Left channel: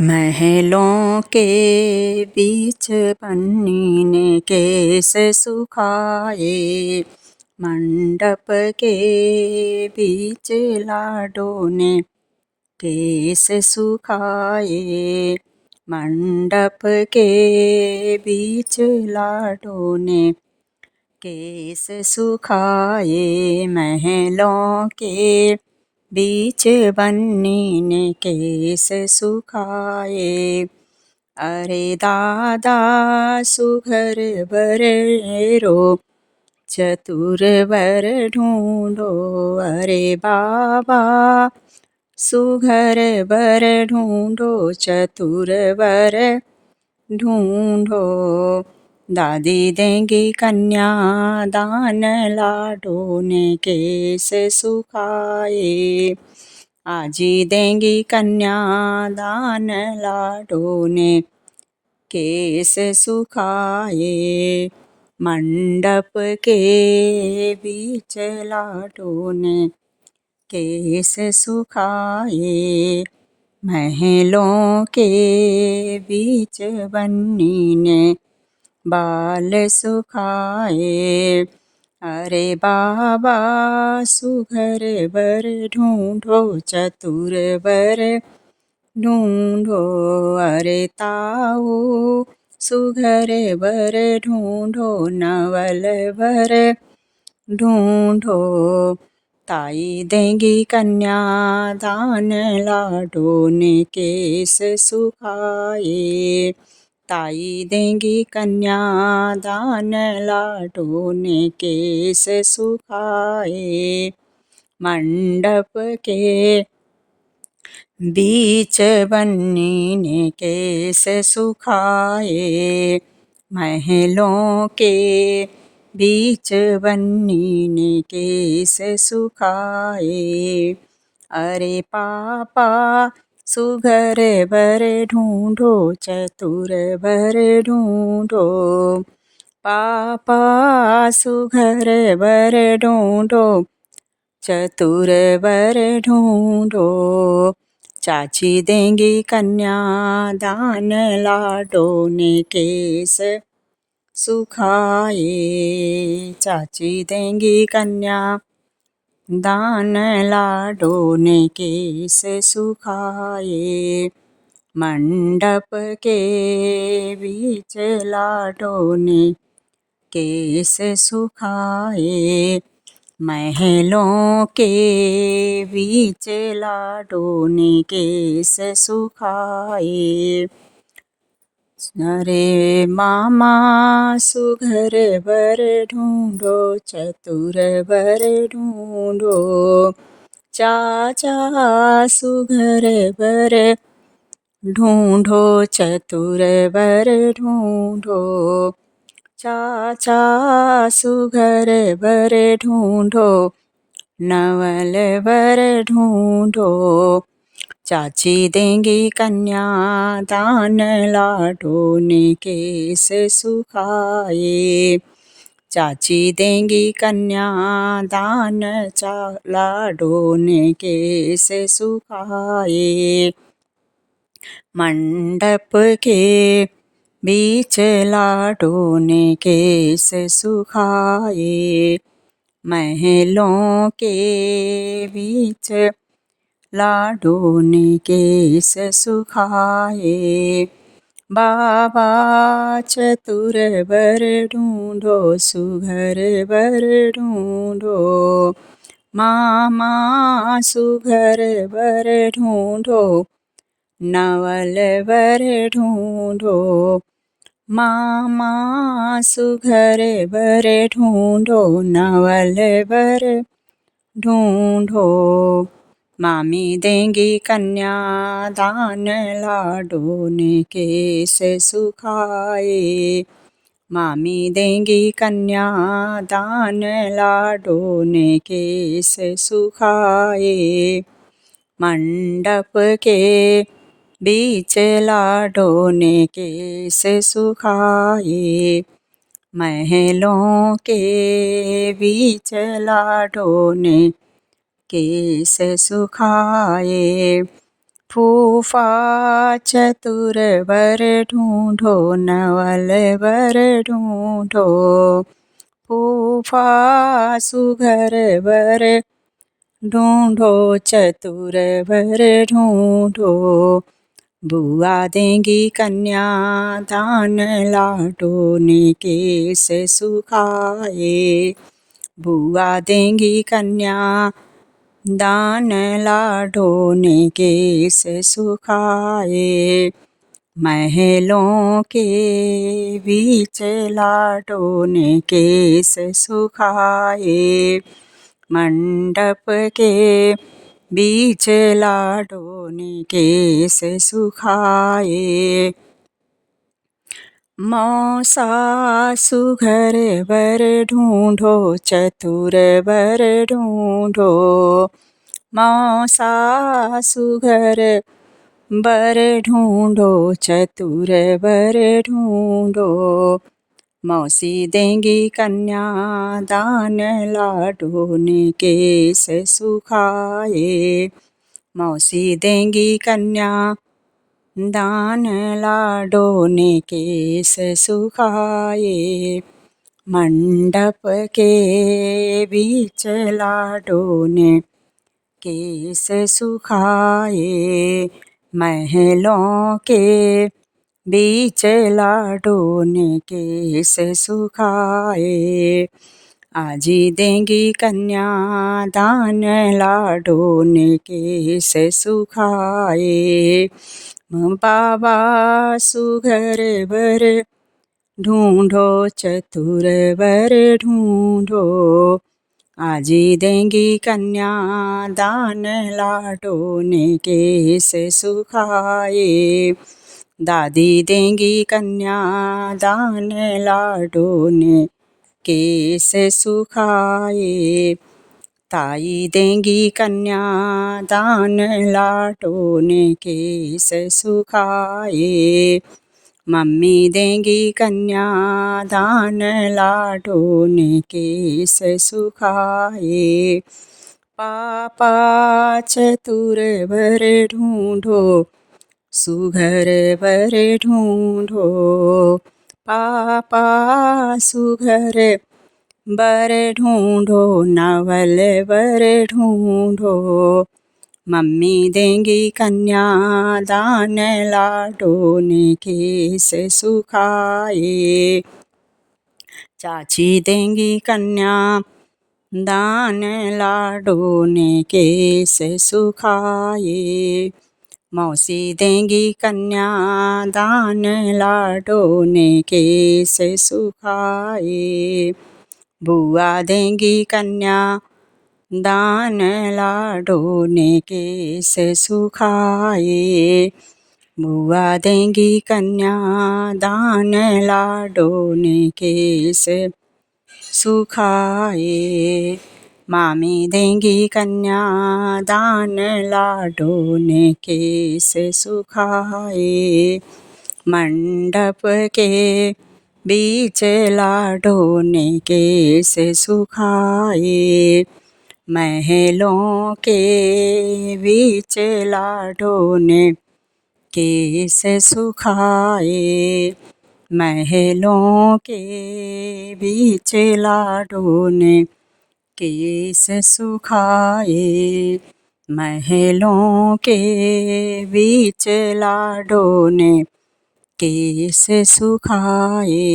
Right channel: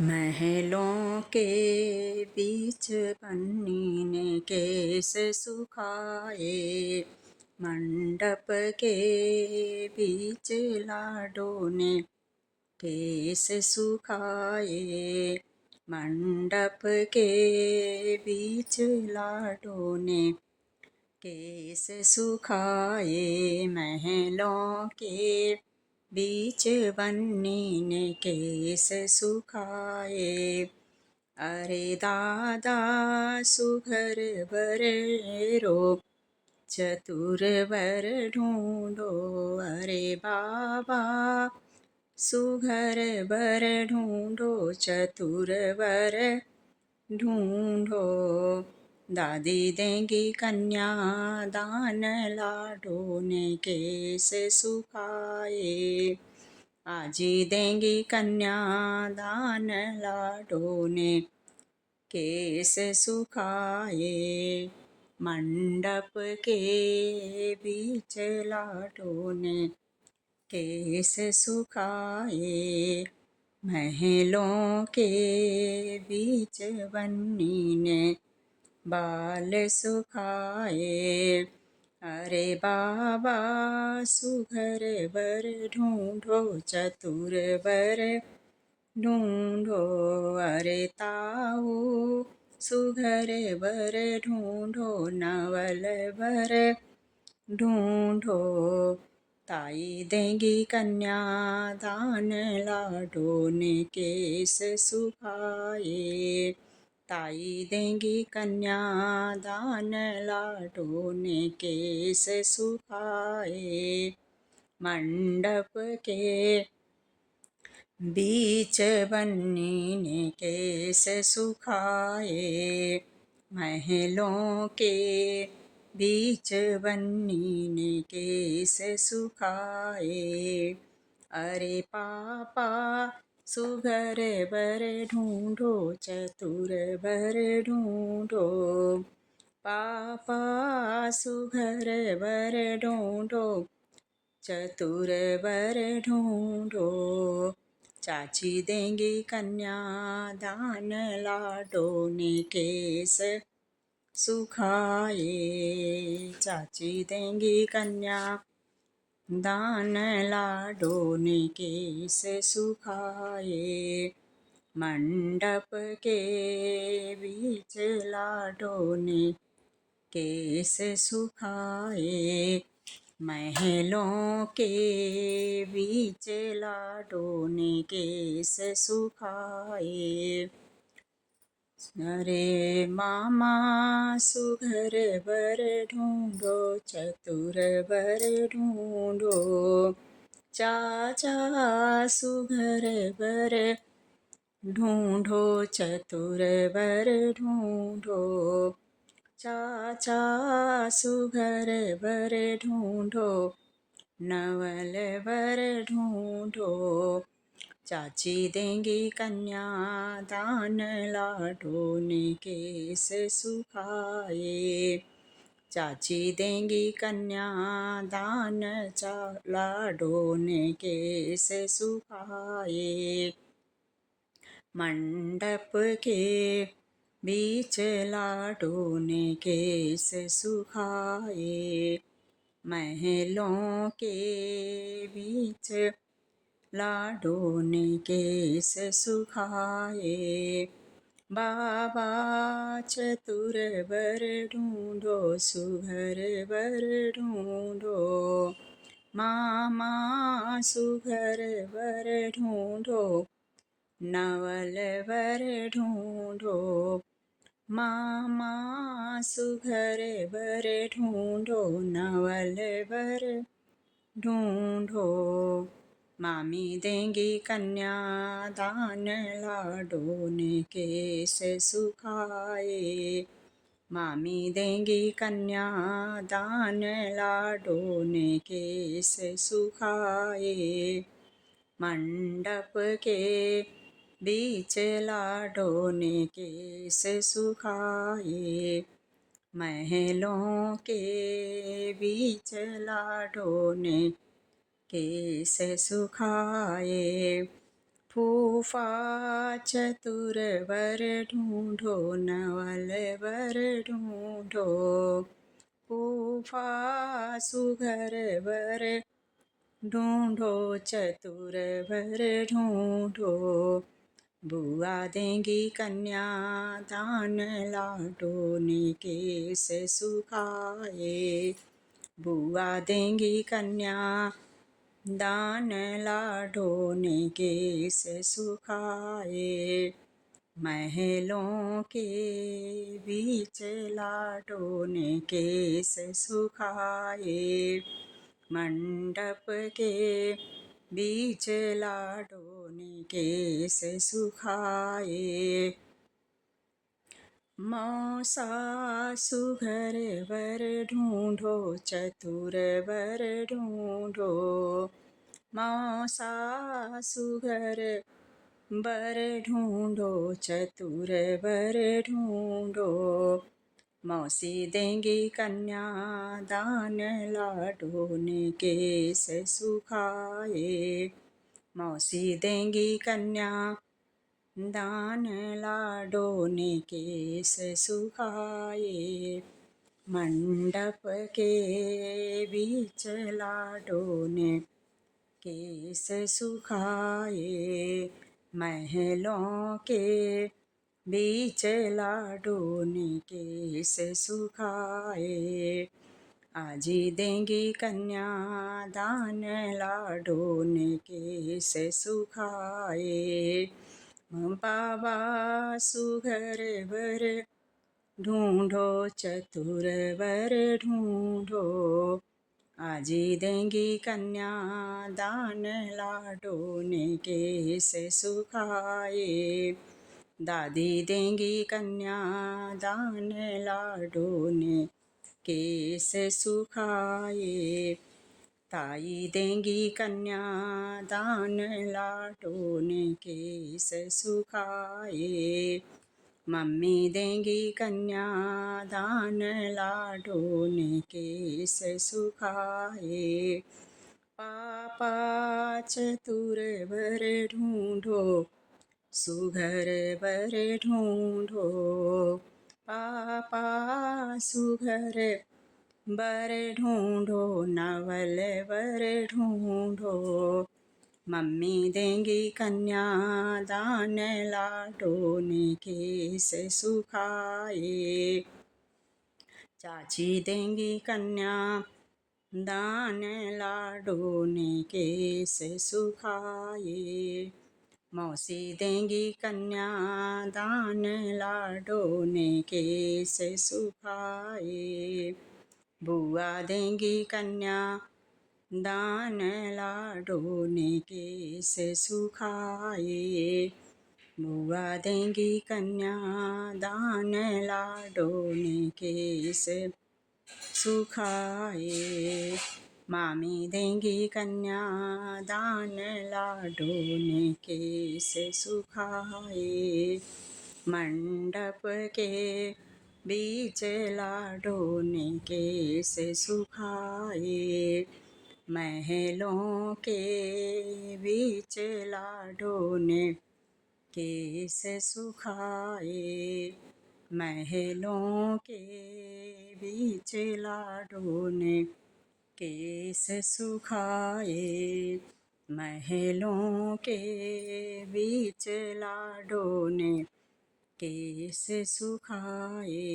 महलों के बीच पन्नी ने केस सुखाए, मंडप के बीच लाडों ने केस सुखाए। मंडप के बीच लाडों ने केस सुखाए, महलों के बीच बन्नी ने केस सुखाए। अरे दादा सुघर बर रो, चतुर बर ढूंढो। अरे बाबा सुघर बर ढूंढो, चतुर बर ढूंढो। दादी देंगी कन्या दान, लाडों ने केस सुखाए। आजी देंगी कन्या दान, लाडों ने केस सुखाए। मंडप के बीच लाडों ने केस सुखाए, महलों के बीच बन्नी ने बाल सुखाए। अरे बाबा सुघर बर ढूंढो, चतुर बर ढूंढो। अरे ताऊ सुघर बर ढूंढो, नवल बर ढूंढो। ताई देंगी कन्या दान, लाडों ने केस सुखाए। ताई देंगी कन्या दान, लाडों ने केस सुखाए। मंडप के बीच बन्नी ने केस सुखाए, महलों के बीच बन्नी ने केस सुखाए। अरे पापा सुघर बर ढूंढो, चतुर बर ढूंढो। पापा सुघर बर ढूंढो, चतुर बर ढूंढो। चाची देंगी कन्या दान, लाडों ने केस सुखाए। चाची देंगी कन्या दान, लाडों ने केस सुखाए। मंडप के बीच लाडों ने केस सुखाए, महलों के बीच लाडों ने केस सुखाए। अरे मामा सुघर बर ढूंढो, चतुर बर ढूंढो। चाचा सुघर बर ढूंढो, चतुर बर ढूंढो। चाचा सुघर बर ढूंढो, नवल बर ढूंढो। चाची देंगी कन्या दान, लाडों ने केस सुखाए। चाची देंगी कन्या दान, लाडों ने केस सुखाए। मंडप के बीच लाडों ने केस सुखाए, महलों के बीच लाडों ने केस सुखाए। बाबा चतुर बर ढूंढो, सुघर बर ढूंढो। मामा सुघर बर ढूंढो, नवल बर ढूंढो। मामा सुघर बर ढूंढो, नवल बर ढूंढो। मामी देंगी कन्या दान, लाडों ने केस सुखाए। मामी देंगी कन्या दान, लाडों ने केस सुखाए। मंडप के बीच लाडों ने केस सुखाए, महलों के बीच लाडों ने केस सुखाए। फूफा चतुर वर ढूंढो, नवल वर ढूंढो। फूफा सुघर वर ढूंढो, चतुर वर ढूंढो। बुआ देंगी कन्या दान लाडोने केस सुखाए। बुआ देंगी कन्या दान लाडोने केस सुखाए। महलों के बीच लाडोने केस सुखाए। मंडप के बीच लाडोने केस सुखाए। मौसा सुघर वर ढूंढो, चतुर वर ढूंढो। मौसा सुघर वर ढूंढो, चतुर वर ढूंढो। मौसी देंगी कन्या दान लाडोने केस सुखाए। मौसी देंगी कन्या दान लाडोने केस सुखाए। मंडप के बीच लाडोने केस सुखाए। महलों के बीच लाडोने केस सुखाए। आजी देंगी कन्या दान लाडोने केस सुखाए। बाबा सुघर वर ढूंढो, चतुर वर ढूंढो। आजी देंगी कन्या दान लाडोने केस सुखाए। दादी देंगी कन्या दान लाडोने केस सुखाए। ताई देंगी कन्या दान लाडोने केस सुखाए। मम्मी देंगी कन्या दान लाडोने केस सुखाए। पापा चतुर वर ढूंढो, सुघर वर ढूंढो। पापा सुघर वर ढूंढो, नवल वर ढूंढो। मम्मी देंगी कन्या दान लाडोने केस सुखाए। चाची देंगी कन्या दान लाडोने केस सुखाए। मौसी देंगी कन्या दान लाडोने केस सुखाए। बुआ देंगी कन्या दान लाडोने केस सुखाए। बुआ देंगी कन्या दान लाडोने केस सुखाए। मामी देंगी कन्या दान लाडोने केस सुखाए। मंडप के बीच लाडोने केस सुखाए। महलों के बीच लाडोने केस सुखाए। महलों के बीच लाडोने केस सुखाए। महलों के बीच लाडोने केस सुखाए।